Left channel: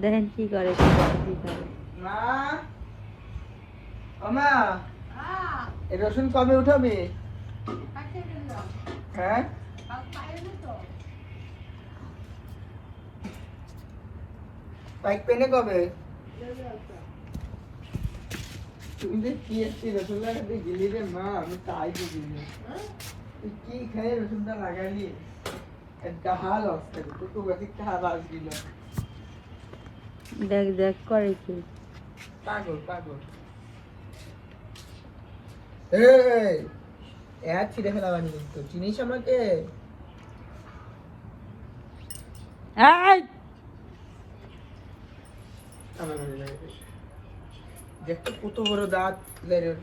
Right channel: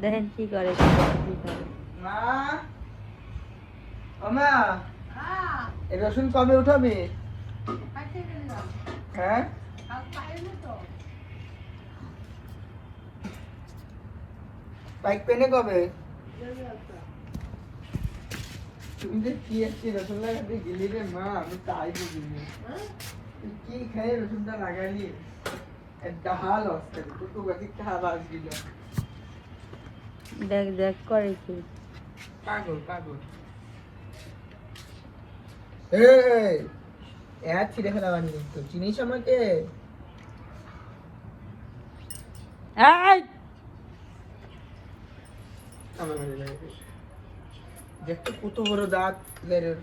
দেখেন কি করে রসুন কবে উঠাবি? হ্যাঁ পাইক পেনে কবে? তুমি যে কি একটি রসুন লাগাতে গেলি রে মা, আমি তাই বুঝিনি। তুই কি খেয়ে রসুনটা লাগালি? একটা হাল অবস্থা, তুই একটা হাল আসছিল। দেখ দেখ করে কি পাগল পাগল। এই এত ছিঁড়ে ফেলা বানি কিন্তু চিনিস আমাকে? আমার মনে লাগে দেখতে কত বড় দাঁত বেরোর।